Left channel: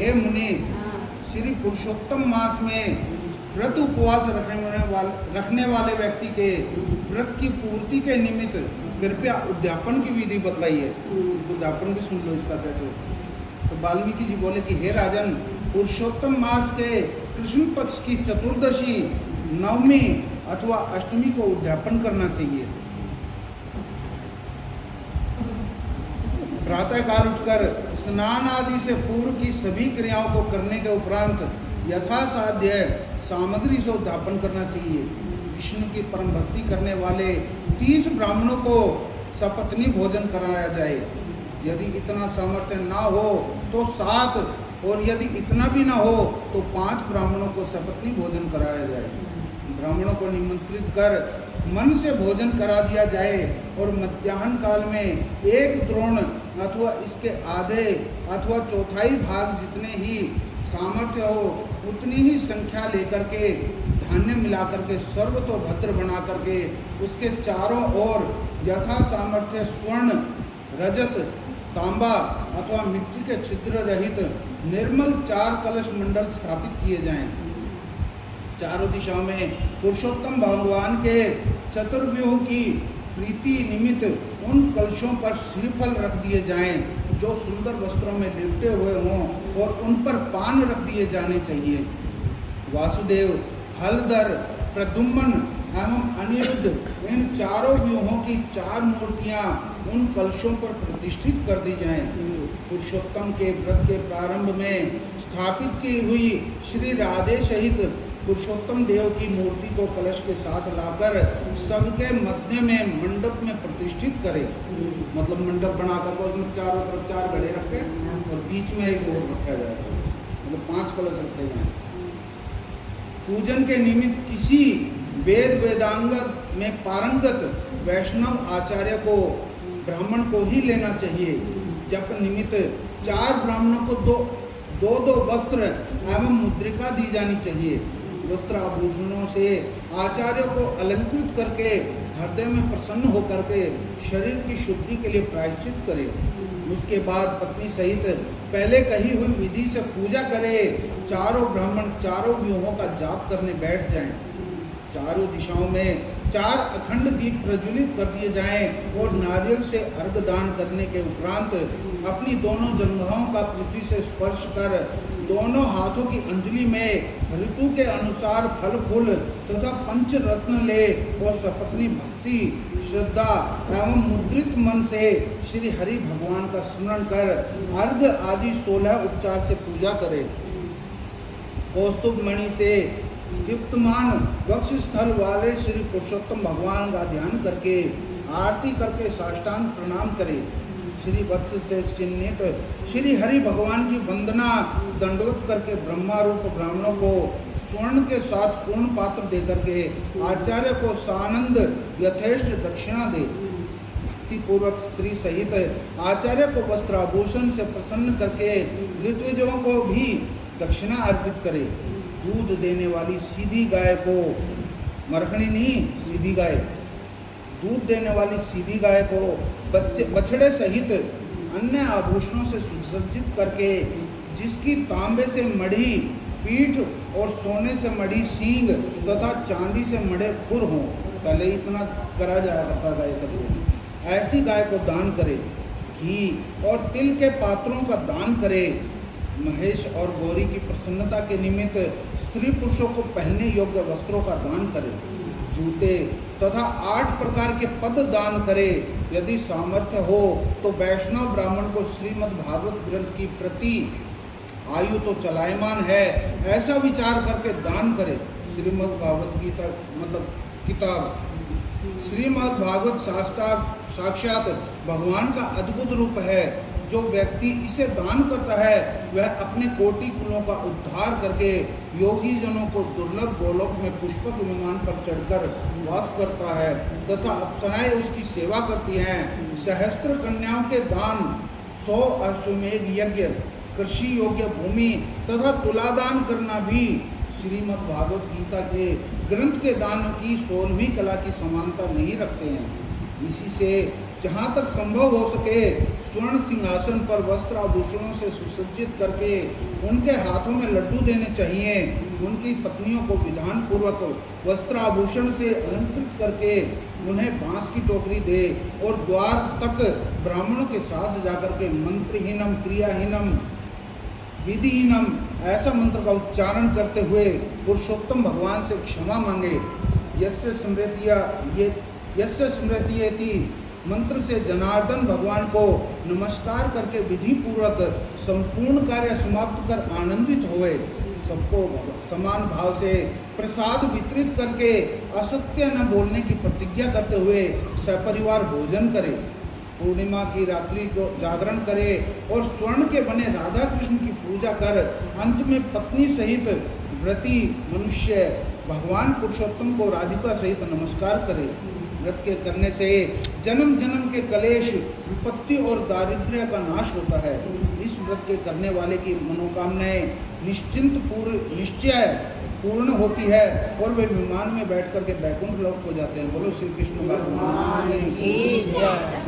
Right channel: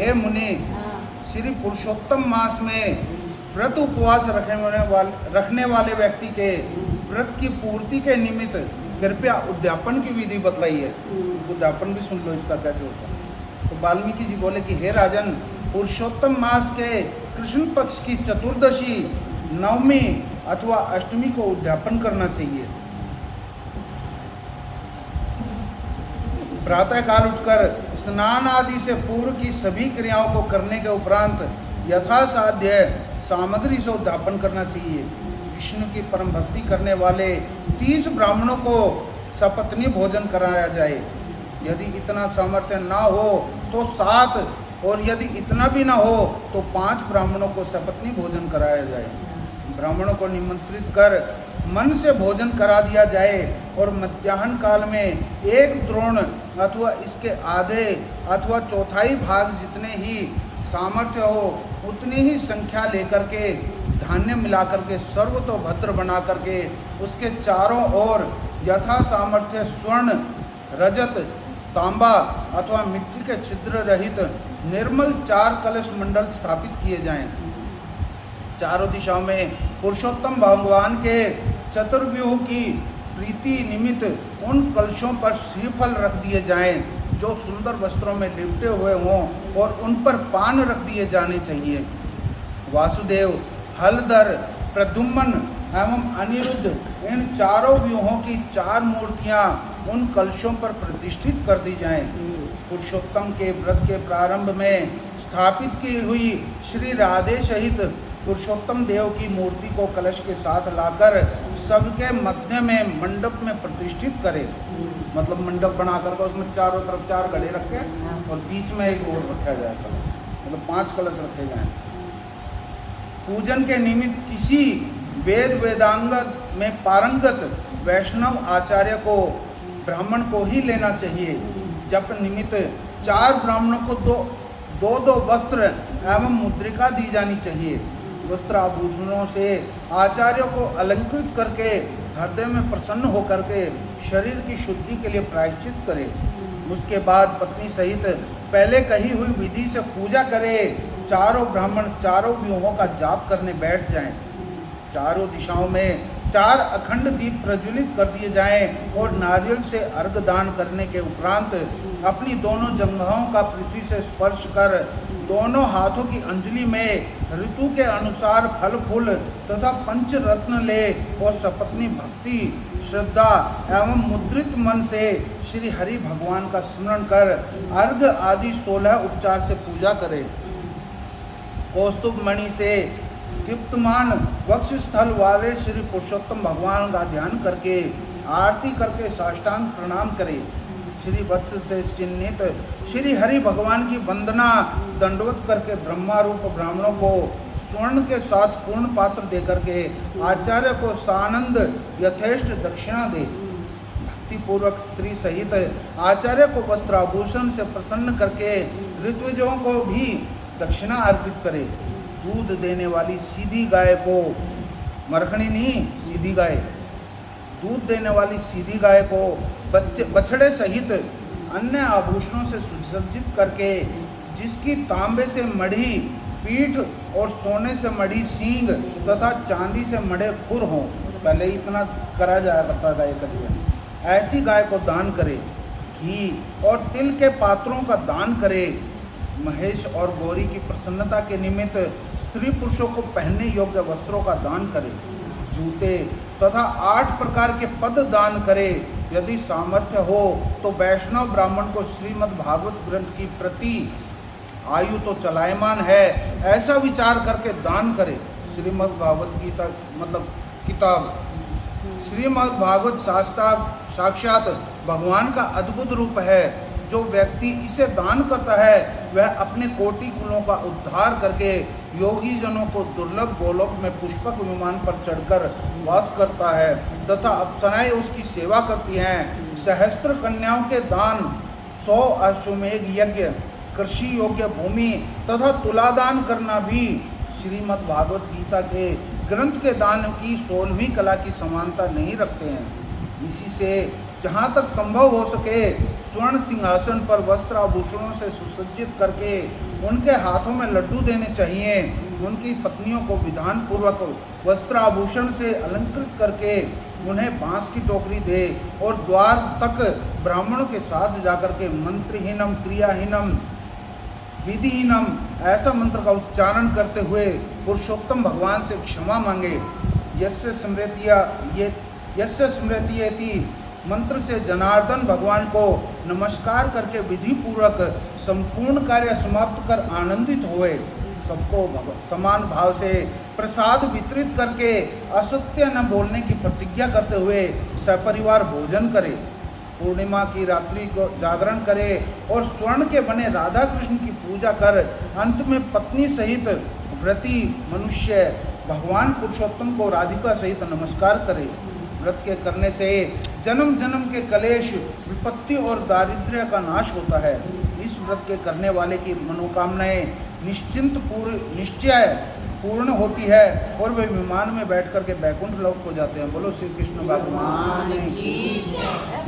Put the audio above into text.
हे मुनि, श्री पुरुषोत्तम मास में व्रत उपवास रखने वाले व्यक्ति के व्रत की पूर्ति के निमित्त कृपया उद्यापन की विधि बतलाई है। उद्यापन भी सुन लो इसका कैसे होता है। तो वाल्मीकि जी बोले कि हे राजन, पुरुषोत्तम मास के कृष्ण पक्ष की चतुर्दशी, नवमी अथवा अष्टमी को उद्यापन करना चाहिए। प्रातः काल उठकर स्नान आदि से पूर्व की सभी क्रियाओं को करने के उपरांत यथासाध्य सामग्री से उद्यापन करना चाहिए। विष्णु की परम भक्ति करने वाले 30 ब्राह्मणों को सपत्नी भोजन कराया जाए। यदि इतना सामर्थ्य ना हो तो 7, और यदि इतना भी ना हो तो 5 ब्राह्मणों को सपत्नी भोजन कराया जाए। ब्राह्मणों को निमंत्रित कर मन से भोजन करा दिया जाए और मध्याह्न काल में 1 द्रोण अथवा इसके आधे अथवा चौथाई भाग जितने ही सामर्थ्य हो उतनी ही संख्या लेकर के धान्य मिला करके सर्वतोभद्र बना करके उसके चारों ओर यथा सामर्थ्य स्वर्ण, रजत, तांबा अथवा मिट्टी के छिद्र रहित निर्मल 4 कलश मंडल स्थापित किए जाएं। चारों दिशाओं में पुरुषोत्तम भगवान के चतुर्व्यूह की प्रीति निमित्त उन कलशों पर श्रीफल रख दिए जाएं जो सुंदर वस्त्रों में लिपटे हुए हों और उन पर पान रख दिए जाने चाहिए। वासुदेव, हलधर, प्रद्युम्न एवं अनिरुद्ध इन चारों व्यूहों की 4 मूर्तियां उन कलशों पर प्रतिष्ठित कर दी जाएं। पुरुषोत्तम के व्रत के प्रारंभ में स्थापित की हुई श्री राधे सहित पुरुषोत्तम देव की मूर्ति को कलश के साथ लाकर सबके मध्य में मंडप में प्रतिष्ठित करें। मतलब मंडप बनाकर उसमें चारों तरफ 4 घड़े रखे और बीच में एक और रखा जाएगा, मतलब 5 कलश रखे जाएं। पूजन के निमित्त किसी वेदांग में पारंगत वैष्णव आचार्य को ब्राह्मण को ही लेना चाहिए। जप निमित्त 4 ब्राह्मणों को दो वस्त्र एवं मुद्रिका दी जानी चाहिए। वस्त्राभूषणों से आचार्यों को अलंकृत करके हृदय में प्रसन्न होकर के शरीर की शुद्धि के लिए प्रायश्चित करे। उसके बाद पत्नी सहित पहले कही हुई विधि से पूजा करे। चारों ब्राह्मण चारों व्यूहों का जाप करने बैठ जाएं। चारों दिशाओं में 4 अखंड दीप प्रज्वलित कर दिए जाएं और नारियल से अर्घ दान करने के उपरांत अपनी दोनों जंघाओं का पृथ्वी से स्पर्श कर दोनों हाथों की अंजलि में ऋतु के अनुसार फल फूल तथा पंचरत्न ले और सपत्नी भक्ति, श्रद्धा एवं मुद्रित मन से श्री हरि भगवान का स्मरण कर अर्घ आदि 16 उपचार से पूजा करे। कौस्तुभ मणि से दीप्तमान वक्ष स्थल वाले श्री पुरुषोत्तम भगवान का ध्यान करके आरती करके साष्टांग प्रणाम करे। श्री वत्स से चिन्हित श्री हरि भगवान की वंदना दंडवत करके ब्रह्मा रूप ब्राह्मणों को स्वर्ण के साथ पूर्ण पात्र दे करके आचार्य को सानंद यथेष्ट दक्षिणा दे। भक्तिपूर्वक स्त्री सहित आचार्य को वस्त्राभूषण से प्रसन्न करके ऋत्विजों को भी दक्षिणा अर्पित करे। दूध देने वाली सीधी गाय को, मरखणी नहीं, सीधी गाय, दूध देने वाली सीधी गाय को बछड़े सहित अन्य आभूषणों से सुसज्जित करके जिसकी तांबे से मढ़ी पीठ और सोने से मढ़ी सींग तथा चांदी से मढ़े खुर हों। पहले इतना करा जाया करता था ये सभी। ऐसी गाय को दान करे। घी और तिल के पात्रों का दान करे। महेश और गौरी की प्रसन्नता के निमित्त स्त्री पुरुषों को पहनने योग्य वस्त्रों का दान करे। जूते तथा 8 प्रकार के पद दान करे। यदि सामर्थ्य हो तो वैष्णव ब्राह्मण को श्रीमद् भागवत ग्रंथ की प्रति आयु तो चलायमान है ऐसा विचार करके दान करे। श्रीमद् भागवत गीता मतलब किताब, श्रीमद् भागवत साक्षात भगवान का अद्भुत रूप है। जो व्यक्ति इसे दान करता है वह अपने कोटि कुलों का उद्धार करके योगी जनों को दुर्लभ गोलोक में पुष्पक विमान पर चढ़कर वास करता है तथा अप्सराएं उसकी सेवा करती हैं। सहस्त्र कन्याओं के दान, 100 अश्वमेध यज्ञ, कृषि योग्य भूमि तथा तुलादान करना भी श्रीमद् भागवत गीता के ग्रंथ के दान की 16वीं कला की समानता नहीं रखते हैं। इसी से जहाँ तक संभव हो सके स्वर्ण सिंहासन पर वस्त्र आभूषणों से सुसज्जित करके उनके हाथों में लड्डू देने चाहिए। उनकी पत्नियों को विधान पूर्वक वस्त्र आभूषण से अलंकृत करके उन्हें बांस की टोकरी दे और द्वार तक ब्राह्मणों के साथ जाकर के मंत्रहीनम क्रियाहीनम विधिहीनम ऐसा मंत्र का उच्चारण करते हुए पुरुषोत्तम भगवान से क्षमा मांगे। यस्य स्मृतियेति मंत्र से जनार्दन भगवान को नमस्कार करके विधि पूर्वक संपूर्ण कार्य समाप्त कर आनंदित हुए। सबको समान भाव से प्रसाद वितरित करके असत्य न बोलने की प्रतिज्ञा करते हुए सपरिवार भोजन करे। पूर्णिमा की रात्रि को जागरण करे और स्वर्ण के बने राधा कृष्ण की पूजा कर अंत में पत्नी सहित व्रती मनुष्य भगवान पुरुषोत्तम को राधिका सहित नमस्कार करे। व्रत के करने से जन्म जन्म के कलेश विपत्ति और दारिद्र्य का नाश होता है। इस व्रत के करने वाले की मनोकामनाएं निश्चय पूर्ण होती है और वे विमान में बैठ करके बैकुंठ लोक को जाते हैं। बोलो श्री कृष्ण भगवान की जय।